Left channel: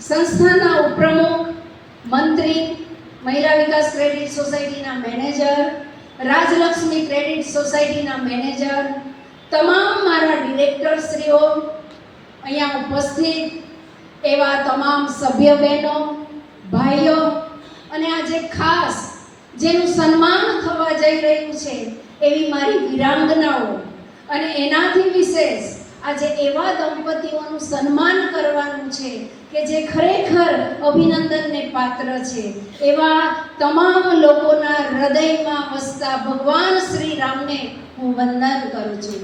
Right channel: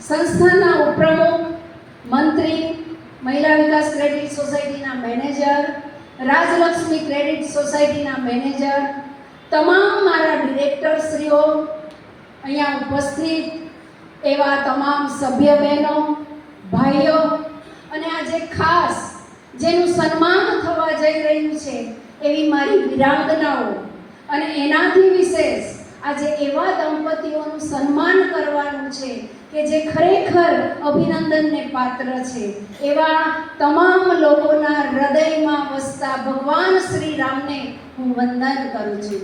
સંસ્થાના ઉપપ્રમુખ, મંત્રી, મહિલા વિકાસ ક્રેડિટ સોસાયટીના મેનેજર, રાજલક્ષ્મી ક્રેડિટ સોસાયટીના મેનેજર, તમામ મારા ડિરેક્ટરશ્રીઓ, અહીંયા ઉપસ્થિત એવા તમામ સભ્ય બહેનો, ભાઈઓ અને આજે ખાસ જેનું સન્માન થવા જઈ રહ્યું છે એવી મારી વિરાંગનાઓ અને એનાથી વિશેષ આજે એવા દંપતીઓનું સન્માન કરવાનું છે કે જે ખરેખર અભિનંદનને પાત્ર છે એવા તમામ લોકોના હૃદયમાં વસતા ભગવાન શ્રી રામને હું વંદન કરું છું.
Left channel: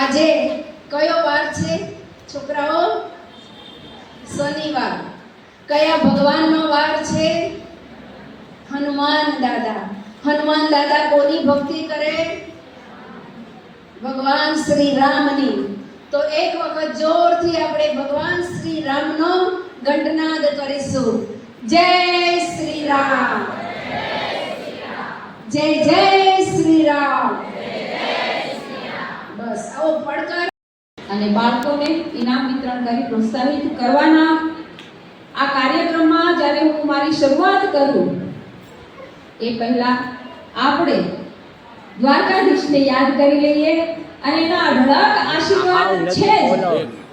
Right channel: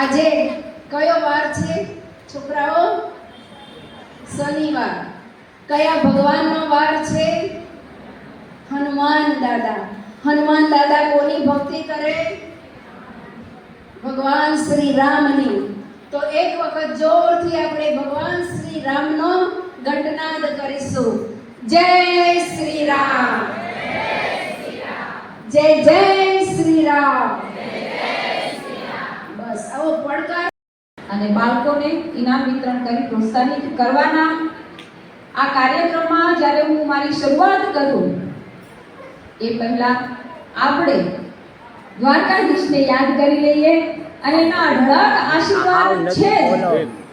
આજે કયો વાર છે છોકરાઓ? શનિવાર. કયા ભગવાનનો વાર છે? હનુમાન દાદા. હનુમાન દાદા કોની ભક્તિ કરે? ભગવાન શ્રી રામની. તો એક વખત જોરથી આપણે ભગવાન શ્રી રામનો ઘંટનાદ કરીશું. જય શ્રી રામ, જય જય શ્રી રામ. બસ આવો પડકાર અને બાળકોને ઇનામ વિતરણ કરી પ્રોત્સાહિત કરવાના આ કાર્યક્રમમાં જ્યારે હું મારી શરૂઆત કરું એ પહેલા આપણે દ્વારકાધીશને યાદ કરી લઈએ અને એના અઢળક આશીર્વાદ છે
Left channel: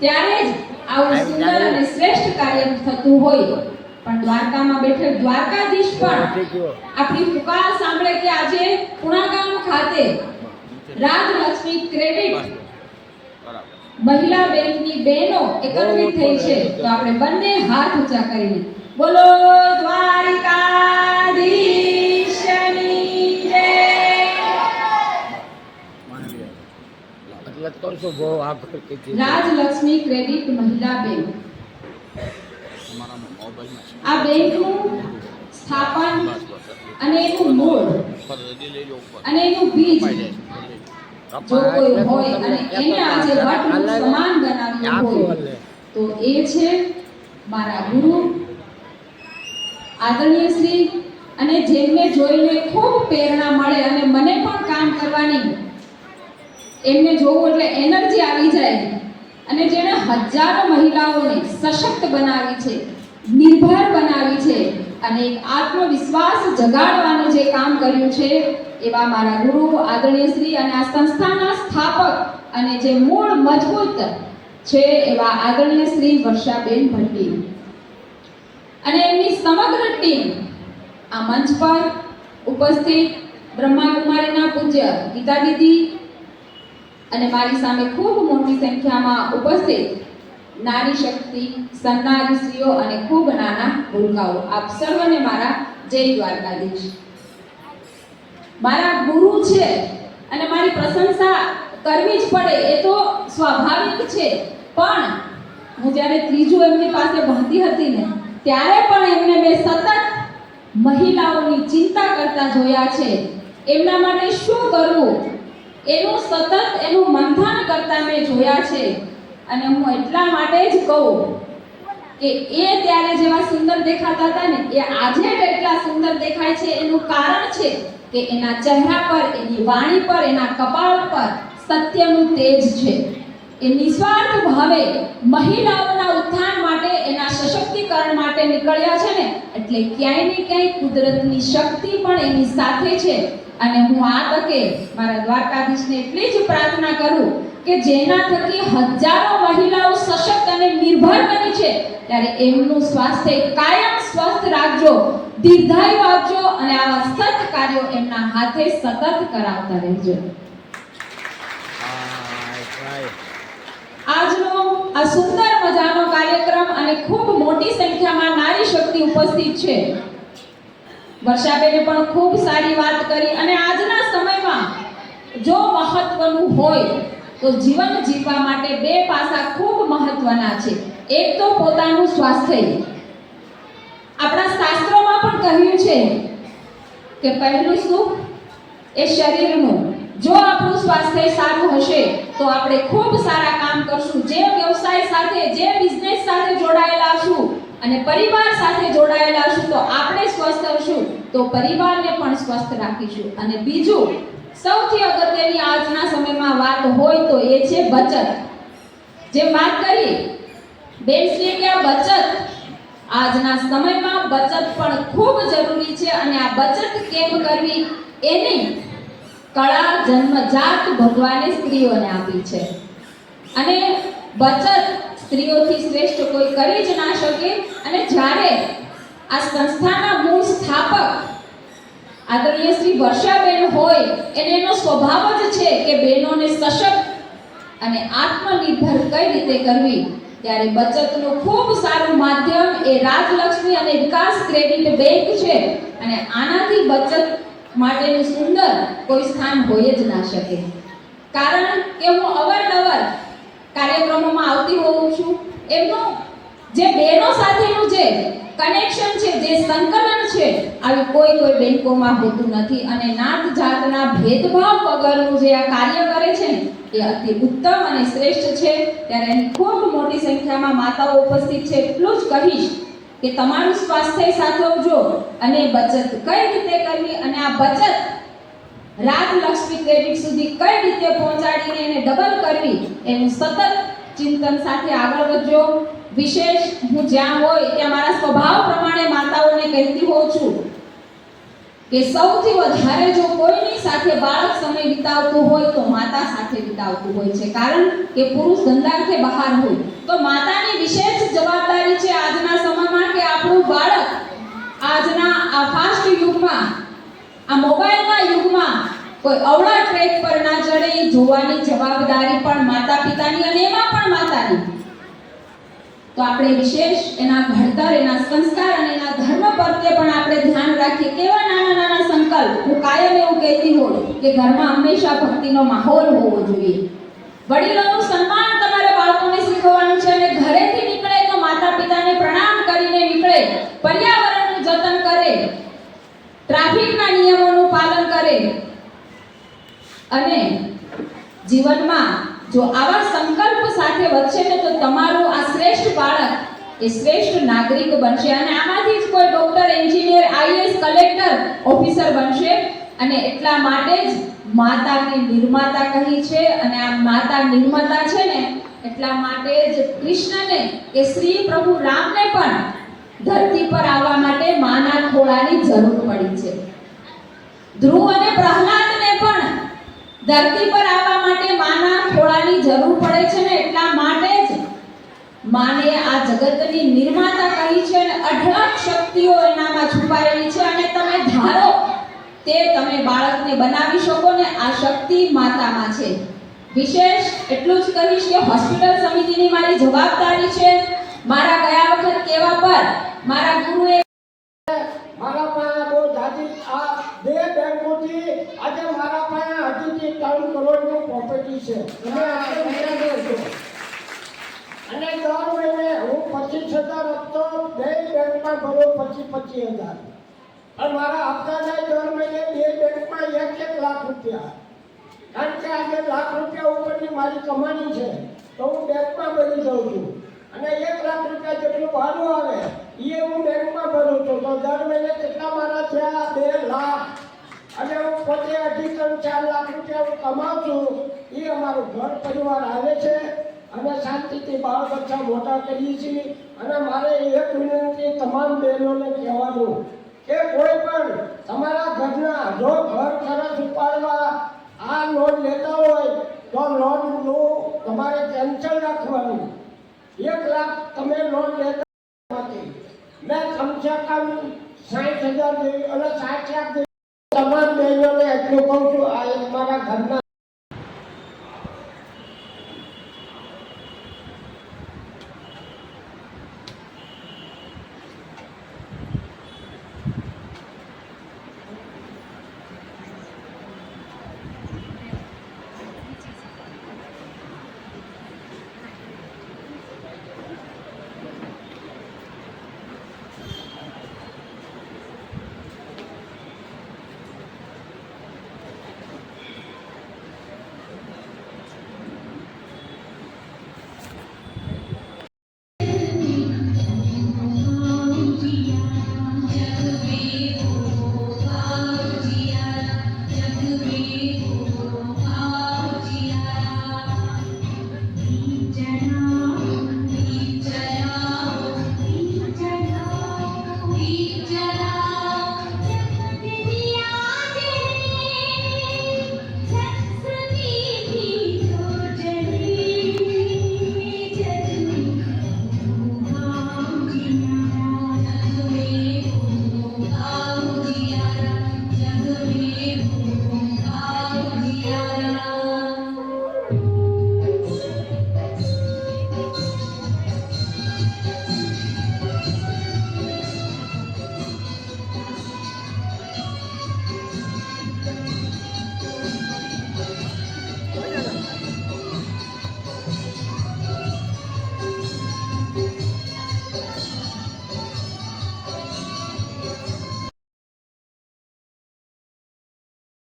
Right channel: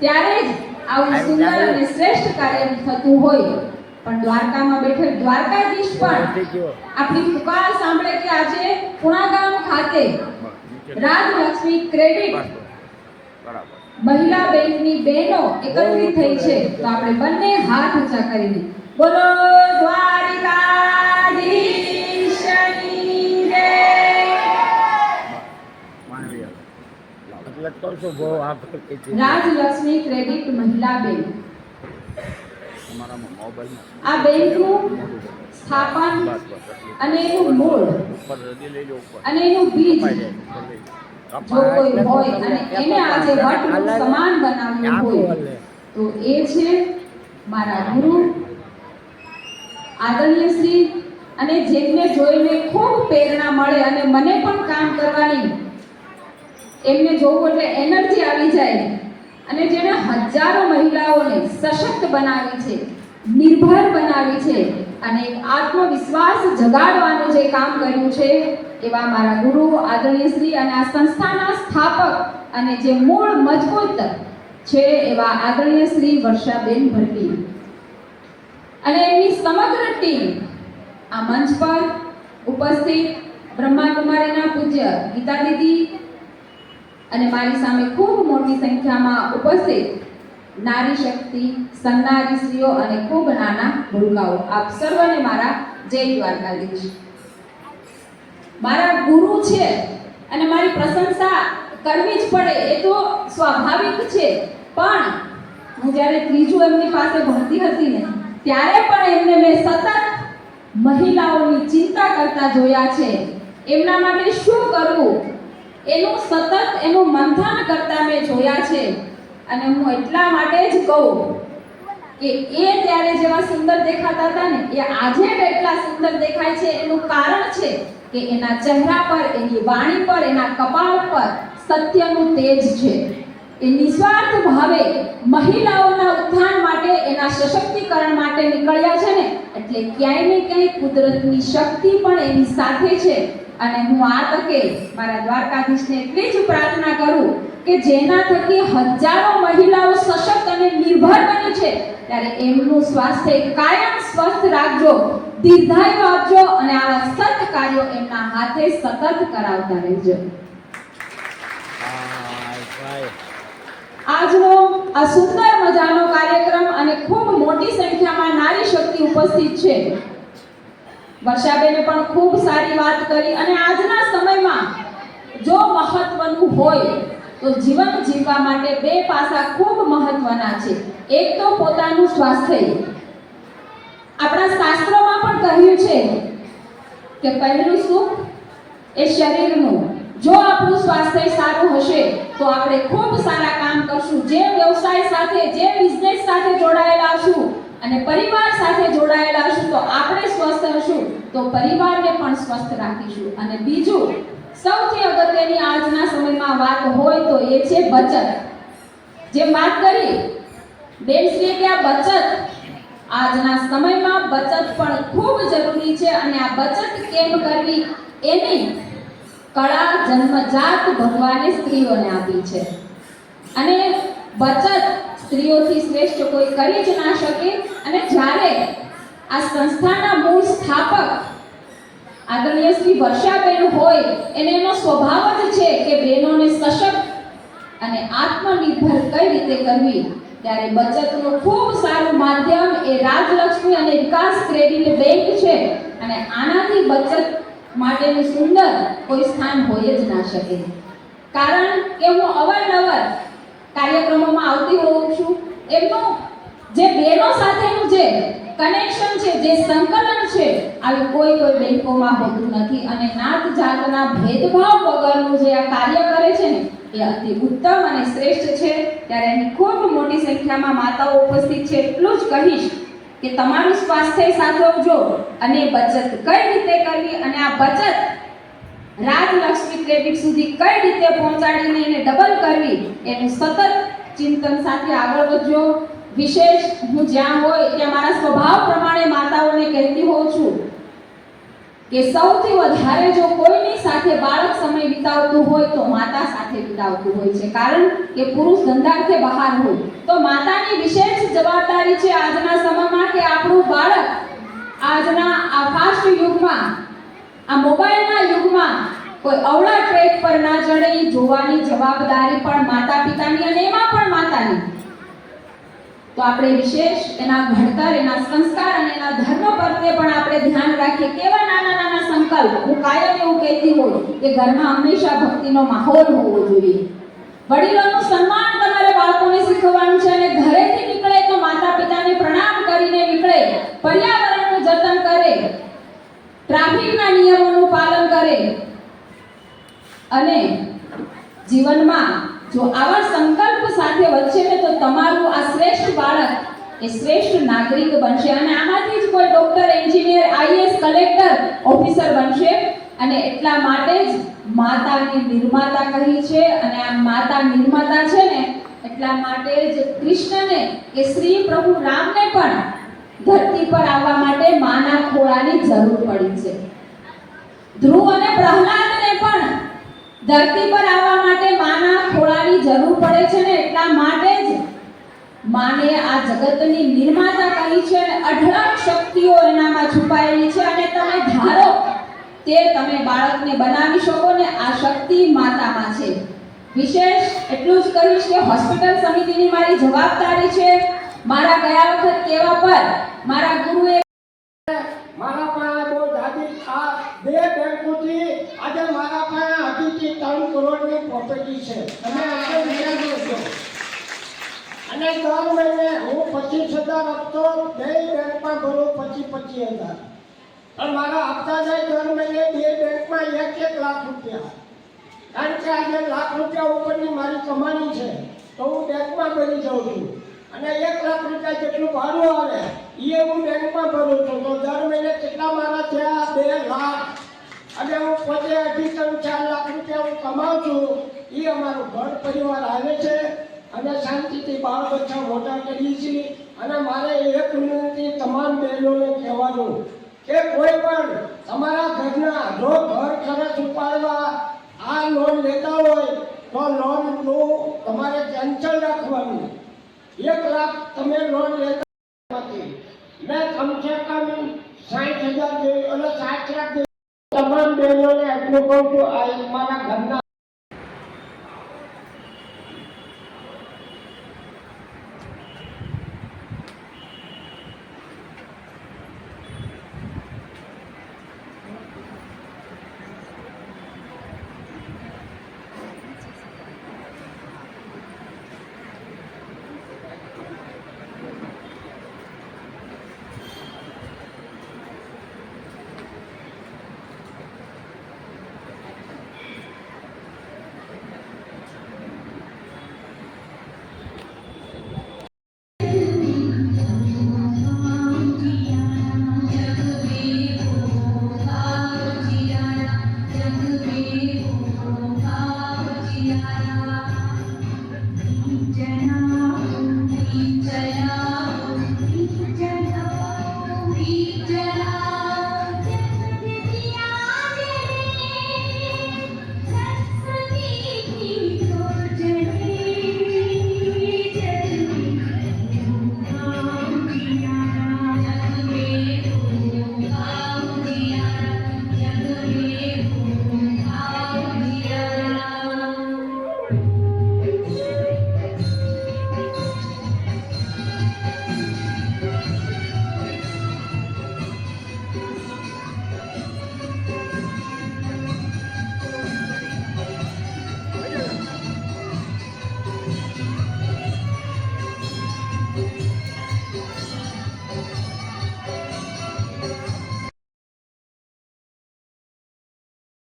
ત્યારે જ આવું સુંદર અને શ્રેષ્ઠ કાર્ય થતું હોય. પણ દ્વારકામાં બેઠેલ દ્વારકાધીશ પણ આપણી પુકાર સાંભળે કે આજે પુણાગામ ખાતે રાજલક્ષ્મી ક્રેડિટ મહિલા બેંકની બહેનો એકત્રિત થઈ છે. તો આપણે બંને હાથ ઊંચા કરીને બોલો દ્વારકાધીશની જય. રાજલક્ષ્મી ક્રેડિટ મહિલા બેંક આ બેંકનું સ્થાપન અને એનું મૂળ અને એનું બીજ જો કોઈ હોય અને એને આજે વટનું સમાન બનાવ્યું હોય તો એ છે મારા ગુરુ આદરણીય શ્રી, અને જેમને જોઈને ખૂબ પ્રેરણા મળે અને મને પણ કામ કરવાની એમને જોવું એટલે એનર્જી આવી જાય અને જેને હજારો મહિલાઓને સશક્ત બનાવી છે, નિર્ભર બનાવી છે અને એક આત્મવિશ્વાસ જગાડવાનું જે કામ કર્યું છે એવા મારા ગુરુ આદરણીય શ્રી અને આ સંસ્થાના સ્થાપક અને જે મૂળ મજબૂત છે એવા આદરણીય શ્રી વર્ષાબેન ભટ્ટી અને એમની સમગ્ર ટીમ આ મંચ પર ઉપસ્થિત બ્રહ્માકુમારીના પૂજ્ય ગીતા દીદી અને મારી સામે ખૂબ મોટી સંખ્યામાં ઉપસ્થિત નારી શક્તિ સન્નારી સ્ત્રીઓ અને ખૂબ નાના ભૂલકાઓ, આપ સર્વને મારા જય દ્વારકાધીશ. મારા ગુરુ છે અને મારી પ્રશંસા કરવી જ પડે એ તો સ્વાભાવિક છે, પણ હું જ્યારે ત્રીજું એમની પાસે ભણતી હતી ને ત્યારે પણ એમને મેં સતત મહિલાઓની ચિંતા કરતા જોયા છે. એમના માટે શું કરવું એનું સતત એનું મંથન કરતા મેં જોયા છે અને હું એટલા માટે જ કહું કે એ ત્યારે જેવા સુંદર દેખાતા હતા ને એ આજે એટલા સુંદર દેખાય છે. એનું કારણ છે કે એના ચહેરા પર, એની વાણી પર, એના કપાળ પર સત્યનું તેજ છે. એ નિસ્વાર્થ ભાવે મહિલાઓના ઉત્થાન માટે, એના સશક્તિકરણ માટે નીકળ્યા છે ને એટલે ક્યાંય ને ક્યાંય કુદરતની શક્તિ પણ એની સાથે છે. અને હું આ તકે મારા દ્વારકાધીશને એટલી જ પ્રાર્થના કરું કે જેના થકી હજારો મહિલાઓ સશક્ત અને નિર્ભર બની છે ત્યારે એમનું સ્વાસ્થ્ય કાયમ સ્વસ્થ રાખજો, દીર્ઘાયુ આપજો અને આવા સત કાર્યો એમના હાથે સતત કરાવતા રહેજો. આજનો આ સુંદર મજાનો કાર્યક્રમ અને ખૂબ મોટી સંખ્યામાં નારી શક્તિ ઉપસ્થિત છે. વર્ષાબેને પણ ખૂબ સારી વાત કરી અને આજના સમયમાં જો મહત્વનું હોય તો જીવન જીવવા માટે બે પાસા ખૂબ મહત્વના છે. એક તો પોતાનું સ્વાસ્થ્ય. આપણા શાસ્ત્રોમાં પણ કહ્યું છે કે પહેલું સુખ એ શરીરનું. જો આપણું સ્વાસ્થ્ય સારું હશે તો આપણે ખૂબ સારા કામ કરશું. જે વ્યવસાય સાથે, જે બિઝનેસ સાથે જોડાયેલા છું અને પરિવાર સાથે જોડાયેલા છું તો આપણે સ્વસ્થ હશું તો પરિવારને પણ સ્વસ્થ રાખીશું. અને બીજું સૌથી અગત્યની આજના સમયમાં વાત હોય તો એ છે બચત. જે વાત કરી બેનશ્રીએ કે આ બચત આજના સમયમાં બચત પણ ખૂબ જરૂરી છે અને આ બચત કેમ કરવી એની કળા જન્મજાત ભગવાને સ્ત્રીઓને આપી છે અને બચત સ્ત્રીઓથી શ્રેષ્ઠ કોઈ કરી જ ના શકે. અને જ્યારે આ સંસ્થાના મૂળ સ્થાપક આદરણીય શ્રી વર્ષાબેન હોય એને એનો સ્વભાવ જ છે કે બહેનોને સશક્ત અને આત્મનિર્ભર કઈ રીતે કરવી, ત્યારે બચતનું ખૂબ સારું માધ્યમ એ રાજલક્ષ્મી અને વિકાસ ક્રેડિટ બેંક છે અને આનાથી બચત માટેનું સુંદર કોઈ સ્થાન હોય જ ના શકે. કારણ કે હું અવારનવાર કાર્યક્રમોમાં આવતી હોઉં છું, એમનું જે બહેનો સાથેનું જે કનેક્શન છે, જે સંકલન છે, આવી કોઈ બેંકોમાં હોતું નથી અને નાત જાતના ભેદભાવ વગરનું જે આ કાર્ય કરે છે ને એ અતિ ઉત્તમ અને શ્રેષ્ઠ છે. ત્યારે અહીં ખૂબ મોટી સંખ્યામાં માતાઓ ઉપસ્થિત છે. એટલું જ કહીશ કે તમારું સ્વાસ્થ્ય સાચવજો અને બચત કઈ રીતે કરવી અને આ બચત રાજલક્ષ્મી ક્રેડિટ સુધી કઈ રીતે પહોંચાડીને એને ડબલ કરવી એનું સતત ચિંતન સાથે આગળ વધજો. વિશેષ હું જ્યાં હોય ત્યાં મારા સ્વભાવ પ્રમાણે માતાઓને કહેતી હોઉં છું કે સૌથી વધારે જો કોઈની સાથે બાળક સમય વિતાવતું હોય તો માતા સાથે વિતાવતું હોય છે. કારણ કે પુરુષ ધંધાર્થે બહાર હોય તો માતાની વિશેષ જવાબદારી છે આજના સમયમાં કે આપણું બાળક આજના આ ફાસ્ટ યુગમાં, આ મોબાઈલના યુગમાં કોઈ અવળા ટ્રેક પર ના ચડે એ જોવાની જવાબદારી પણ માતા પિતાની અને એમાં પણ માતાની. તો આપણે વિશેષ એના ઘડતર, એના સંસ્કાર અને એના ધર્મ પ્રત્યે પણ આપણે ધ્યાન રાખીએ. કેવા નાના નાના સંકલ્પ, હું કાયમ એવું કહેતી હોઉં કે ઘરમાં હંમેશા ભક્તિનો માહોલ હોવો જોઈએ. વડીલોનું સન્માન તમારે બાળકોને શીખવવાનું છે અને ઘરેથી નીકળે તો માતા પિતાને પ્રણામ કરીને નીકળે, પર્યાવરણનું જતન કરે, ટ્રાફિકના નિયમોનું પાલન કરે અને જીવનમાં જો આવા સંકલ્પ સાથે વધશે ને તો તમારું આ શ્રેષ્ઠ બાળક એ શ્રેષ્ઠ નાગરિક બનશે અને આમાંથી જ કોઈ doctor, engineer, IAS, collector, officer બનશે. અને એટલા માટે જ માતાને નિર્માતા કહી છે અને આ માતા નિર્માતા છે ને એટલા માટે જ કૃષ્ણને કે શ્રી પ્રભુ રામને પણ ધરતી પર આવવા માટે માના ખોળાની જરૂર પડી છે. ધ્રુવ અને પ્રહલાદને પણ ધરતી પર આવવા માટે માના ખોળાની જરૂર પડે છે ને એટલા માટે જ માને આ જગતની નિર્માતા કહી છે અને અઢળક શક્તિઓ એનામાં છુપાયેલી છે અને તમે ધારો તે તમે બાળકને બનાવી શકો ને આ શક્તિ માતામાં છે. વિશેષ એટલું જ કહીશ કે હોસ્પિટલ સમિતિની મારી જવાબદારી છે. મારા ગયા વખત કેવા પર મારા ગુરુએ મારા પાસે બહુ જાતિ આ બે બેંકોથી આજે મારા પાસે હજુથી 3 કરોડની પ્રોપર્ટી છે અને આપણે વિચારો છો અને દર મહિને હું 25,000 હપ્તો બે બેંકમાં ભરું, 25,000 અને મારા હપ્તા જાય દર મહિને બે બેંકમાં 1 લાખ રૂપિયા. કારણ કે આજે લાખ રૂપિયા ઉપરની મારી કમાણી છે તો હું બેંકમાં ભરી જાઉં છું અને 1 લાખ રૂપિયા જેટલું ભાડું આવે એ હું બેંકમાં ભરું છું. તો દર મહિને કેટલા મારા થયા 2 લાખ અને હું પોતે 2.5-4 લાખ રૂપિયા હું કમાઉં છું. એ અમારું ઘર પરિવાર આવે છે અને શાંતિથી બાળ બચ્ચા મોટા કરીએ છીએ. અને મારે એક વિનંતી તમામ બહેનોને કહેવાનું કે કોઈ પણ તમારા ઘરના જો ઘર ખર્ચ ઉપાડવા આ લોન લેતા હોય તો લોનનું તમારે કેન્સલ રાખવાનું. 1 લાખ તમે લોન લેતા નથી, મેં કમસે કમ 60,000 જેવી અને 60 લાખ જેવી તમામ બહેનોને એટલું કહું છું. આ એક મારા ઘરના